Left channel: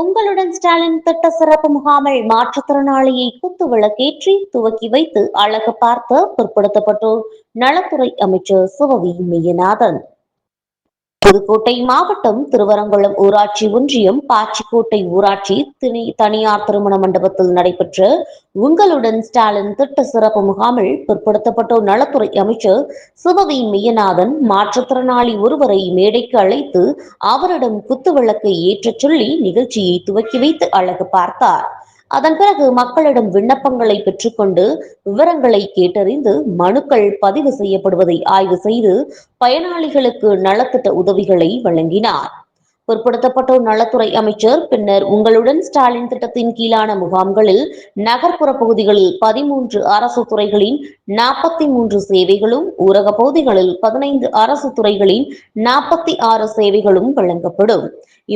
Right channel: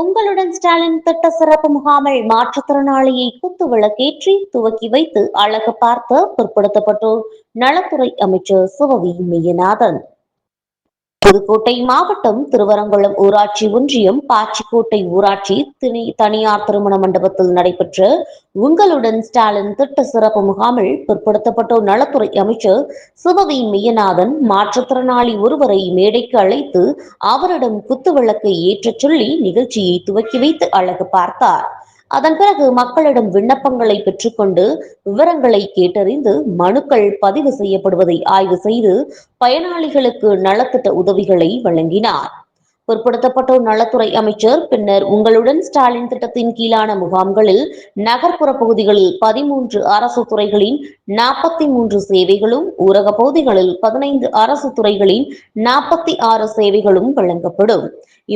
உங்களுடன் ஸ்டாலின் திட்ட சிறப்பு முகாமில் மாற்றுத்திறனாளியை குத்து விளக்கேற்றி துவக்கி வைத்து அழகு பார்த்த பிற்படுத்தப்பட்டோர் நலத்துறை அமைச்சர் சிவவி மெய்யநாதன். புதுக்கோட்டை மாவட்டம் திருவரங்குளம் ஊராட்சி ஒன்றியம் பாச்சிக்கோட்டை ஊராட்சி தனியார் திருமண மண்டபத்தில் நடைபெற்ற உங்களுடன் ஸ்டாலின் திட்ட சிறப்பு முகாமில் பிற்படுத்தப்பட்டோர் நலத்துறை அமைச்சர் சிவவி மெய்யநாதன் மாற்றுத்திறனாளி ஒருவரை மேடைக்கு அழைத்து அவரிடம் குத்துவிளக்கை ஏற்றச் சொல்லி நிகழ்ச்சியை துவக்கி வைத்து அழகு பார்த்தார். அதன் பிறகு மக்களிடம் விண்ணப்பங்களை பெற்றுக்கொண்டு விவரங்களை கேட்டறிந்து மனுக்கள் பதிவு செய்யப்படுவதை ஆய்வு செய்து பயனாளிகளுக்கு நலத்திட்ட உதவிகளை வழங்கினார். பிற்படுத்தப்பட்டோர் நலத்துறை அமைச்சர் பின்னர் உங்களுடன் ஸ்டாலின் திட்டத்தின் கீழான முகாம்களில் நகர்ப்புற பகுதிகளில் 13 அரசு துறைகளின் 43 சேவைகளும், ஊரக பகுதிகளில் 15 அரசு துறைகளின் 46 சேவைகளும் வழங்கப்படும்.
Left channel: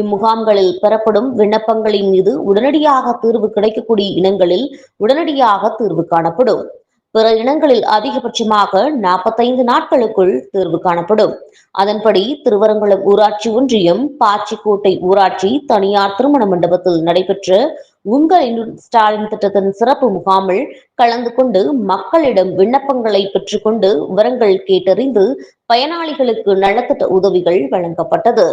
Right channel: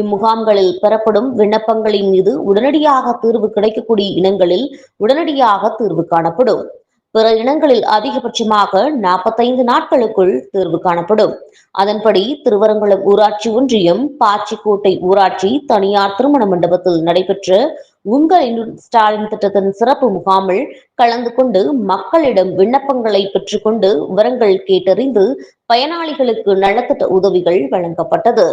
இம்முகாம்களில் பெறப்படும் விண்ணப்பங்களின் மீது உடனடியாக தீர்வு கிடைக்கக்கூடிய இனங்களில் உடனடியாக தீர்வு காணப்படும். பிற இனங்களில் அதிகபட்சமாக 45 நாட்களுக்குள் தீர்வு காணப்படும். அதன்படி திருவரங்குளம் ஊராட்சி ஒன்றியம் பாச்சிக்கோட்டை ஊராட்சி தனியார் திருமண மண்டபத்தில் நடைபெற்ற உங்களின் ஸ்டாலின் திட்டத்தின் சிறப்பு முகாமில் கலந்து கொண்டு மக்களிடம் விண்ணப்பங்களை பெற்றுக்கொண்டு விவரங்கள் கேட்டறிந்து பயனாளிகளுக்கு நலத்திட்ட உதவிகள் வழங்கப்பட்டது.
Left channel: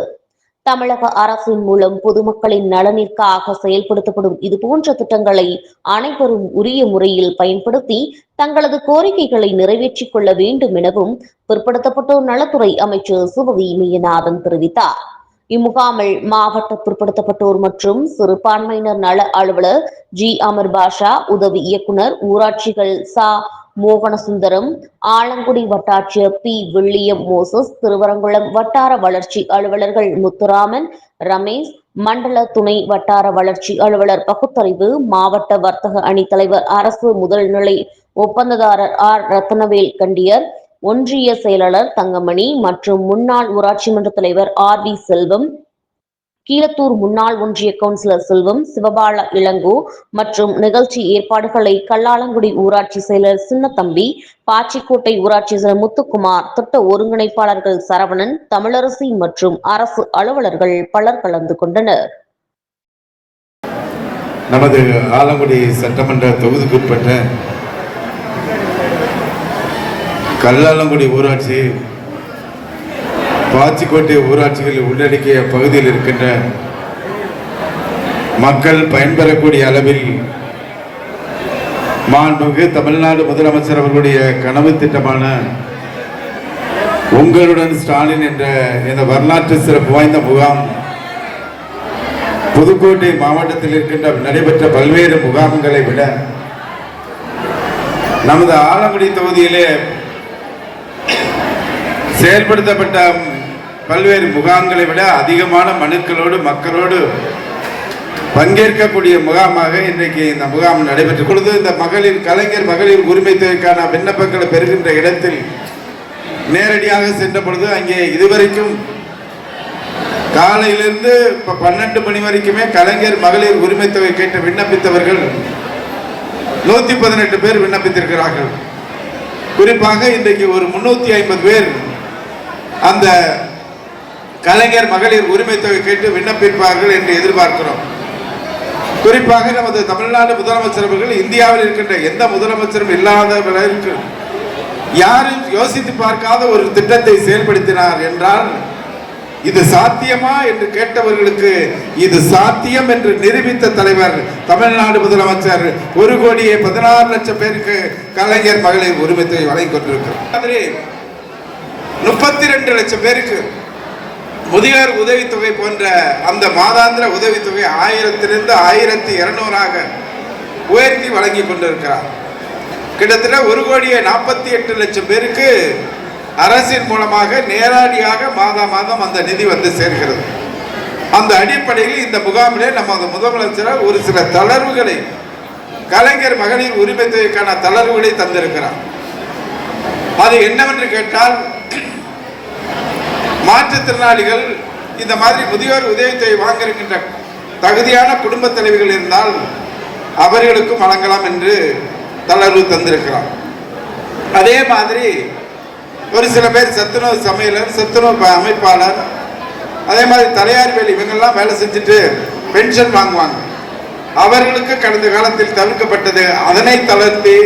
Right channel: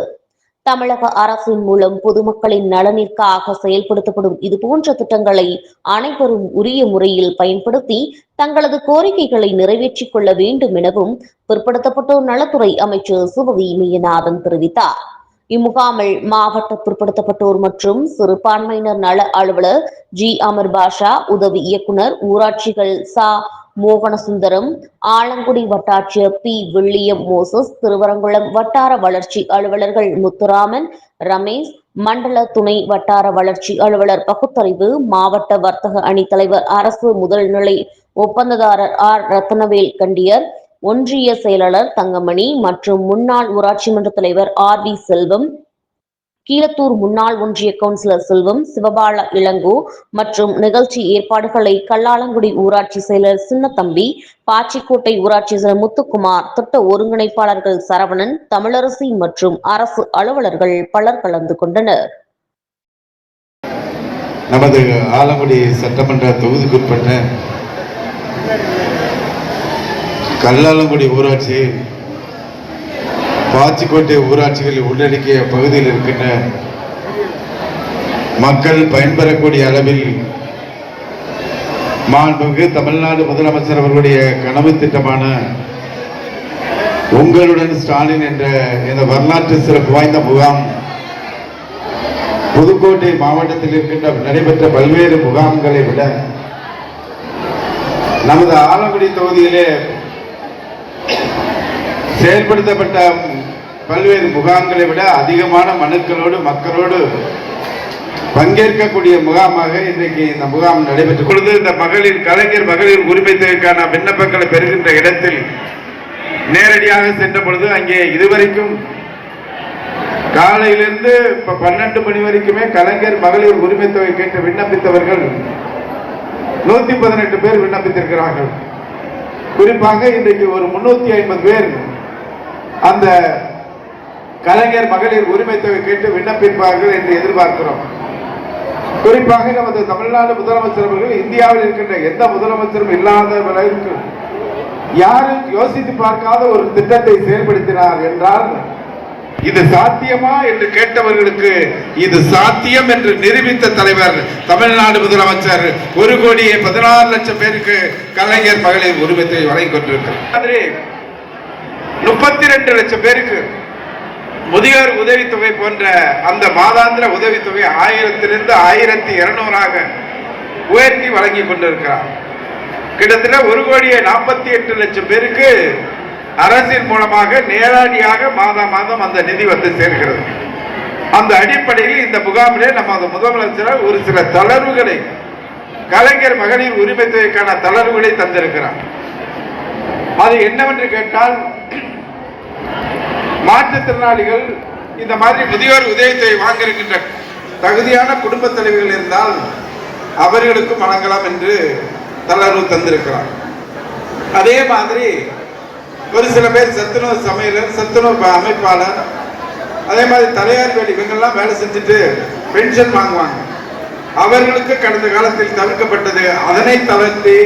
தமிழக அரசின் மூலம் பொதுமக்களின் நலனிற்காக செயல்படுத்தப்படும் இதுபோன்ற திட்டங்களை அனைவரும் உரிய முறையில் பயன்படுத்தி தங்களது கோரிக்கைகளை நிறைவேற்றிக் கொள்ள வேண்டும் எனவும் பிற்படுத்தப்பட்டோர் நலத்துறை அமைச்சர் சிவவி மெய்யநாதன் தெரிவித்தார். இம்முகாமில் மாவட்ட பிற்படுத்தப்பட்டோர் மற்றும் சிறுபான்மையினர் நல அலுவலர் ஜி அமர் பாஷா, உதவி இயக்குனர் ஊராட்சிகள் சா மோகனசுந்தரம், ஆலங்குடி வட்டாட்சியர் பி வில்லியம் மோசஸ், திருவரங்குளம் வட்டார வளர்ச்சி அலுவலர்கள் முத்துராமன், ரமேஷ், மண்டல துணை வட்டார வளர்ச்சி அலுவலர் பகுத்தறிவு, மாவட்ட வர்த்தக அணி தலைவர் அரசு முதல்நிலை ஒப்பந்ததாரர் ஆர் ரத்னவேல் கண்டியர், ஒன்றிய செயலாளர் தங்கமணி மற்றும் முன்னாள் ஊராட்சி மன்ற தலைவர் ஆர் வி செல்வம், கீழத்தூர் முன்னாள் ஒன்றிய கவுன்சிலர் செல்வம், சிவபால இளங்கோ மற்றும் நிகழ்ச்சி ஏற்பாடுகளை கல்லாலங்குடி ஊராட்சி செயலர் சின்னத்தம்பி, பாச்சிக்கோட்டை ஊராட்சி செயலர் முத்துக்குமார், திட்ட ஒருங்கிணைப்பாளர்கள் சரவணன், தமிழரசி மற்றும் அரசு அலுவலர்கள் பலர் கலந்து கொண்டனர். நமது ஆலங்குடி சட்டமன்ற தொகுதிக்குட்பட்ட கல்லாலங்குடி ஊராட்சி, பாச்சிக்கோட்டை ஊராட்சிகளில் உள்ளடக்கிய பகுதியில் இருக்கின்ற மக்கள் பயன்பெறக்கூடிய அளவில் மாண்புமிகு தமிழ்நாடு முதலமைச்சர் அவர்களுடைய கனவு திட்டமான உங்களுடன் ஸ்டாலின் என்ற இந்த வரலாற்று சிறப்பு வாய்ந்த முகாம் புதுக்கோட்டை மாவட்டத்தில் இருக்கின்ற நடைபெற்ற பல்வேறு முகாம்களை விட நமது ஆலங்குடி தொகுதியிலே செயல்படுத்தப்பட்ட பல்வேறு முகாம்களை விட அதிகமான மனுக்களோடு மக்களோடு பங்கேற்கக்கூடிய முகாமாக இன்றைக்கு இந்த முகாம் நடைபெற்றுக் கொள்வது. இந்த கலைஞர் மகளிர் உரிமை தொகைக்கான விண்ணப்பங்களை பெறுகின்ற இடத்தில் நேரடியாக சென்ற பொழுது அங்கே இதுவரைக்கும் காலையிலிருந்து 12 மணி வரைக்குமே கலைஞர் மகளிர் உரிமை தொகை கேட்டு விண்ணப்பித்தவர்கள் 118 பேர் விண்ணப்பித்திருக்கிறார்கள். குறிப்பாக இன்றைக்கு ஒரு 350 பேர் அந்த கலைஞர் மகளிர் உரிமை தொகை கேட்டு விண்ணப்பிப்பார்கள் என்று எதிர்பார்க்கிறோம். குறிப்பாக நமது தமிழ்நாடு முதலமைச்சர் அவர்கள் இந்தியாவில் இருக்கின்ற எந்த முதலமைச்சரும் இல்லாதவர்களுக்கு யாரும் யோசித்து பார்க்காத ஒரு திட்டத்தை செயல்படுத்தினார் என்றால் இது சாத்தியமா என்று கேட்டவர்களுக்கு இது சாத்தியம் என்று நிரூபித்த தலைவர் தமிழ்நாடு முதலமைச்சர் 1,16,00,000 பேருக்கு கலைஞர் மகளிர் உரிமை தொகை வழங்கி கொண்டிருக்கிறார். 32 லட்சம் பேருக்கு முதியோர் உதவித்தொகை போன்ற அந்த மாதாந்திர உதவித்தொகை 1000 1200 உயர்த்தி வழங்கி கொண்டிருக்கிறார். கிட்டத்தட்ட 1,48,00,000 பேருக்கு அரசின் மூலமாக நேரடியாக மாதம் அந்த நிதி வந்து சேர்கிறது. அந்த அடிப்படையில் இந்த முகாமிலே நம்ம முதலமைச்சர் ஒரு சில தளர்வுகளை கலைஞர் மகளிர் உரிமை தொகைக்கான தளர்வுகளை தந்திருக்கிறார். அது என்னவென்று கேட்டால், மாற்றுத்திறனாளிகள் இந்த மாதிரி முதியோர் உதவித்தொகை வாங்கியிருக்கின்ற தகுதியான குடும்ப தலைவர்கள் இருந்தால் அவர்களுக்கும் வழங்கலாம் என்று தளர்வு தந்திருக்கிறார். அதே மாதிரி ஒரு சில பேர் சத்துணவு சமையலர், சத்துணவு அமைப்பாளர், அதே மாதிரி தலையார் வேலை இவங்கெல்லாம் வேலை செஞ்சுட்டு பென்ஷன் வாங்குவாங்க. அவர்களுக்கு கடந்த காலத்தில் தவிர்க்கப்பட்டது. அதனை தளர்த்தி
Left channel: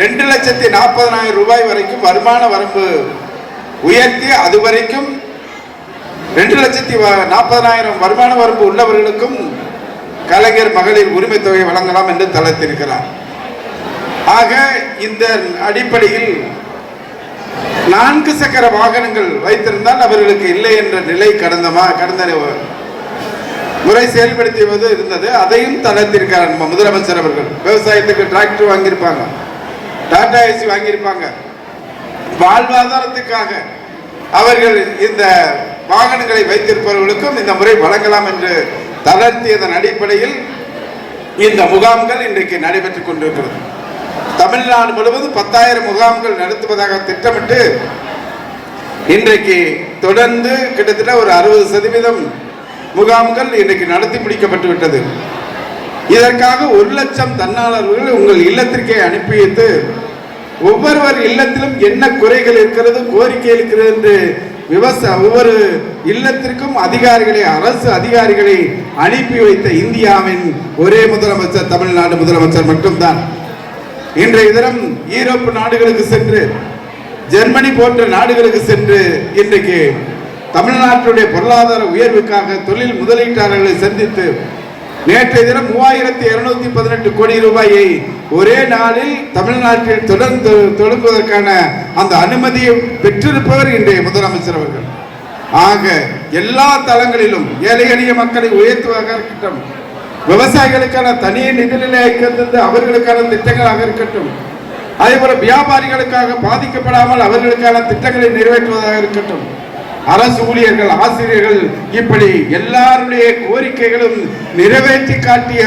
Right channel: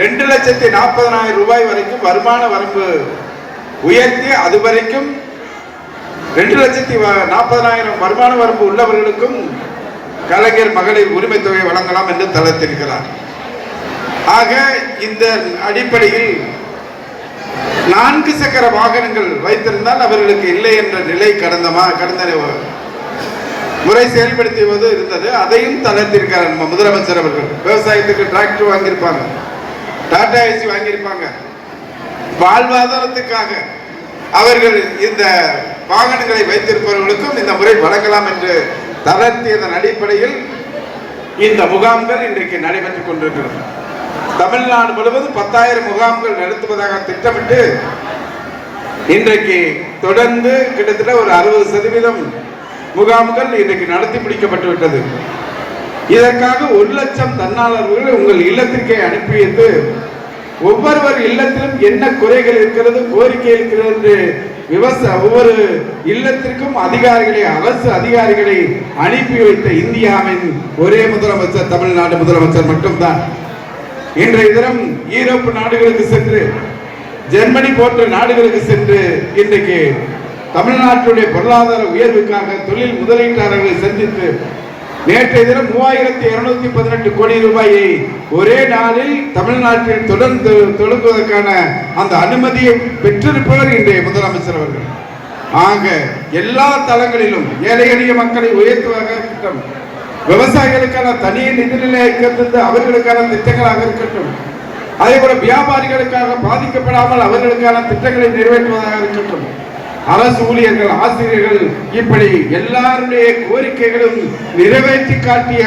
2,40,000 ரூபாய் வரைக்கும் வருமான வரம்பு உயர்த்தி அது வரைக்கும் 2,40,000 வருமான வரம்பு உள்ளவர்களுக்கும் கலைஞர் மகளிர் உரிமை தொகை வழங்கலாம் என்று தளர்த்திருக்கிறார். ஆக இந்த அடிப்படையில் 4 சக்கர வாகனங்கள் வைத்திருந்தால் அவர்களுக்கு இல்லை என்ற நிலை கடந்த முறை செயல்படுத்துவது இருந்தது. அதையும் தளர்த்திருக்கிறார் நம்ம முதலமைச்சர் அவர்கள். விவசாயத்துக்கு டிராக்டர் வாங்கியிருப்பாங்க, டாடா ஏசி வாங்கியிருப்பாங்க. வாழ்வாதாரத்துக்காக அவர்கள் இந்த வாகனங்களை வைத்திருப்பவர்களுக்கும் இந்த முறை வழங்கலாம் என்று தளர்த்தியதன் அடிப்படையில் இந்த முகாம்கள் இன்றைக்கு நடைபெற்றுக் கொண்டிருக்கிறது. தமிழ்நாடு முழுவதும் 10,000 முகாம்கள் நடத்துவதாக திட்டமிட்டு இன்றைக்கு தொடர்ந்து கிட்டத்தட்ட ஒரு 60% முகாம்கள் இன்றைக்கு நடத்தி முடிக்கப்பட்டு விட்டது. இதற்காக 1,00,000 தன்னாளர்கள் உங்கள் இல்லத்திற்கே அனுப்பி வைத்து ஒவ்வொருவர் இல்லத்திலும் என்ன குறைகள் இருக்கிறது, கோரிக்கை இருக்கிறது என்று ஒவ்வொரு இல்லத்திற்கும் அதிகாரிகளை, அரசு அதிகாரிகளை அனுப்பி வைத்த இந்தியாவின் ஒரே முதலமைச்சர் தமிழ்நாடு முதலமைச்சர் மட்டும்தான். இன்றைய தினம் ஈரோப்பு நாடுகளுக்கு சென்று, ஜெர்மனி போன்ற நாடுகளுக்கு சென்று இன்றைக்கு தமிழ்நாட்டுடைய பொருளாதார உயர்வுக்காக தொழில் முதலீட்டாளர்களை சந்தித்து நேற்றைய தினம் 3,218 கோடி ரூபாயை ஒரே நாளில் தமிழ்நாட்டில் தொடங்குவதற்கான அந்த அனுமதியை பெற்றிருப்பவர் இன்றைய முதலமைச்சர் அவர்கள். ஆக எல்லா தளங்களிலும் ஏழை எளிய மக்களை உயர்த்துவதாக இருக்கட்டும், விவசாயிகளுக்கான தனி நிதிநிலை ஐக்கியத்திலிருந்து அவர்களுக்கான திட்டங்களாக இருக்கட்டும், அதே போல வியாபாரிகளுக்காக பாதிக்கப்படாமல் அவர்களுக்கான திட்டங்களை நிறைவேற்றுவதாக இருக்கட்டும், அரசு ஊழியர்கள், ஆசிரியர்கள், இப்படி எல்லாருடைய கோரிக்கைகளும் நிறைவேற்றி காட்டிய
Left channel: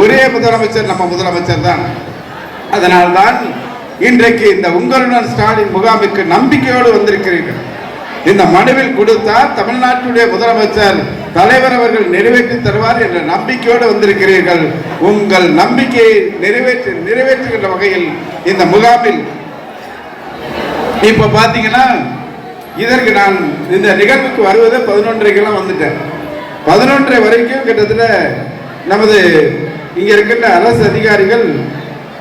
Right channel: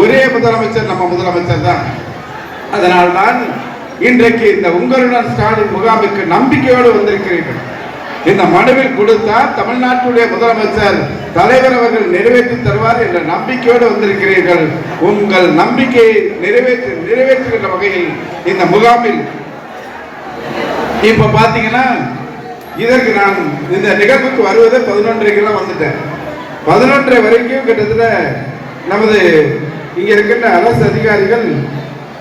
ஒரே முதலமைச்சர் நம்ம முதலமைச்சர் தான். அதனால்தான் இன்றைக்கு இந்த உங்களுடன் ஸ்டாலின் முகாமுக்கு நம்பிக்கையோடு வந்திருக்கிறீர்கள். இந்த மனுவில் கொடுத்தால் தமிழ்நாட்டுடைய முதலமைச்சர் தலைவர் அவர்கள் நிறைவேற்றி தருவார் என்ற நம்பிக்கையோடு வந்திருக்கிறீர்கள். உங்கள் நம்பிக்கையை நிறைவேற்றுகின்ற வகையில் இந்த முகாமில் இப்ப பாத்தீங்கன்னா, இதற்கு நான் இந்த நிகழ்வுக்கு வருவது 11:30 வந்துட்டேன். 11:30 வரைக்கும் கிட்டத்தட்ட நமது இங்க இருக்கின்ற அரசு அதிகாரிகள்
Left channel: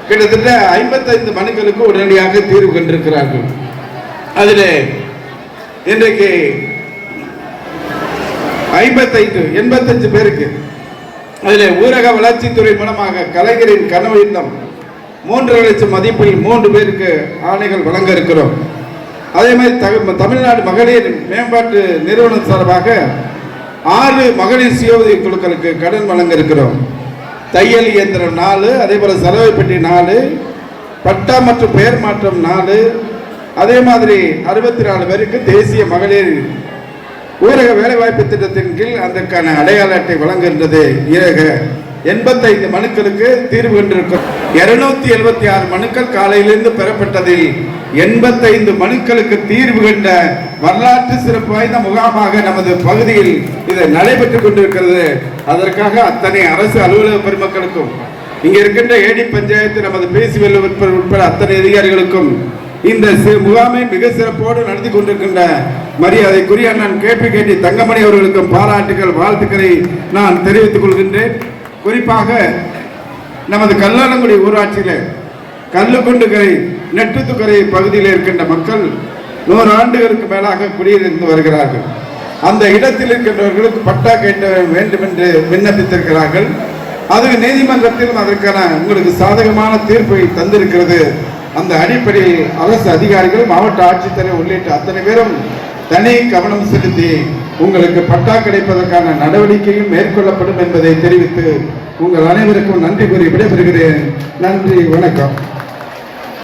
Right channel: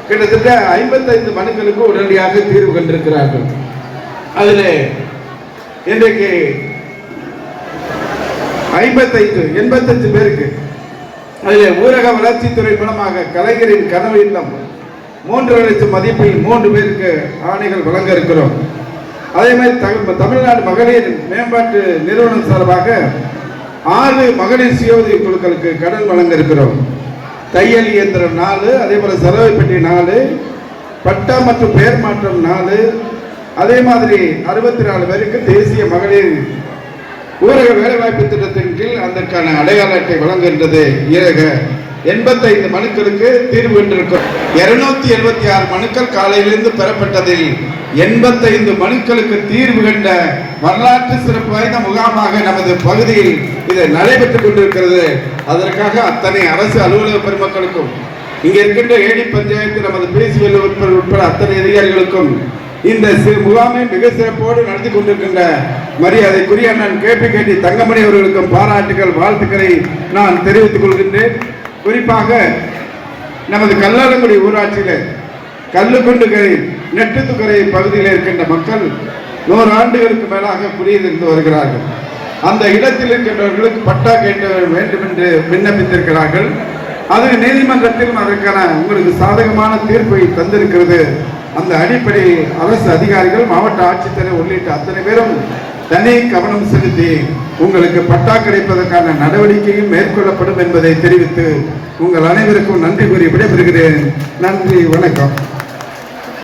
கிட்டத்தட்ட 55 மனுக்களுக்கு உடனடியாக தீர்வு கண்டிருக்கிறார்கள். அதில் இன்றைக்கு 85 பேருக்கு அதில் ஊரக வளர்ச்சித்துறை மூலமாக கலைஞரின் கனவு இல்லம் 3 லட்சம் மதிப்பில் 3 பேருக்கு ஆணைகள் வழங்க இருக்கிறோம். அதே மாதிரி தமிழ்நாடு மகளிர் மேம்பாட்டு நிறுவனம் சார்பாக 6 மகளிர் சுய உதவி குழுக்களுக்கு கடன் வழங்க இருக்கிறோம். தையல் இயந்திரம் 4, அதே போல சலவை பெட்டி 4, பட்டா மற்றும் பெயர் மாற்றம் 4, அதே மாதிரி 64 பேருக்கு தேசிய மகளிர் ஊரக வேலைவாய்ப்பு திட்டத்தின் கீழ் அதற்கான அடையாள அட்டை வழங்குகின்றது. 85 மனுக்களுக்கு தீர்வு கண்டிருக்கும். 276 மனுக்கள் காலையிலிருந்து பெறப்பட்டதில் 85 மனுக்களுக்கு தீர்வு கண்ட வரலாற்று சிறப்பு வாய்ந்த முகாமாக நமது பகுதியில் இது நடைபெற்றுக் கொண்டிருக்கிறது. அதற்காக அத்தனை அரசு அலுவலக பெருமக்களுக்கும், இங்க இருக்கின்ற ஏடி பஞ்சாயத்து, நமது பேசிவெல் உட்பட அத்தனை அதிகாரிகளுக்கும் இந்த முகாமை மிக சிறப்போடு நடத்தி கொண்டிருக்கின்ற மரியாதைக்குரிய அண்ணன் KPKT தங்கமணி அவர்களுக்கும் பாராட்டுகள், வாழ்த்துக்களை நான் தெரிவித்துக் கொள்கின்றேன். குறிப்பாக நமது கல்லாலங்குடி ஊராட்சியில் கல்லுக்குண்டுகரை, நெட்டுத்துக்கரை பகுதியில் இருக்கின்ற மக்கள் 100 ஆண்டுகளுக்கு மேலாக குடியிருந்து வருகிறார்கள். அந்த இடத்தில் இருக்கின்றவர்களுக்கு பட்டா கேட்க வேண்டும் என்று விண்ணப்பித்திருக்கிறார்கள். அதுக்கு நீதிமன்றத்திலும் அதற்கான உங்களுக்கு சாதகமான தீர்ப்பை தந்திருக்கிறது. அந்த அடிப்படையில் அரசு அதிகாரிகள், மாவட்ட ஆட்சித்தலைவர் உள்ளிட்ட அத்தனை பேரும் தனி கவனம் செலுத்தி உங்களுக்கு பட்டா கிடைப்பதற்கான நடவடிக்கையும் மேற்கொள்ளப்படும் என்பதை தெரிவித்து உங்கள் அனைவருக்கும் நன்றி கூறி விடைபெறுகிறேன். நன்றி, வணக்கம்.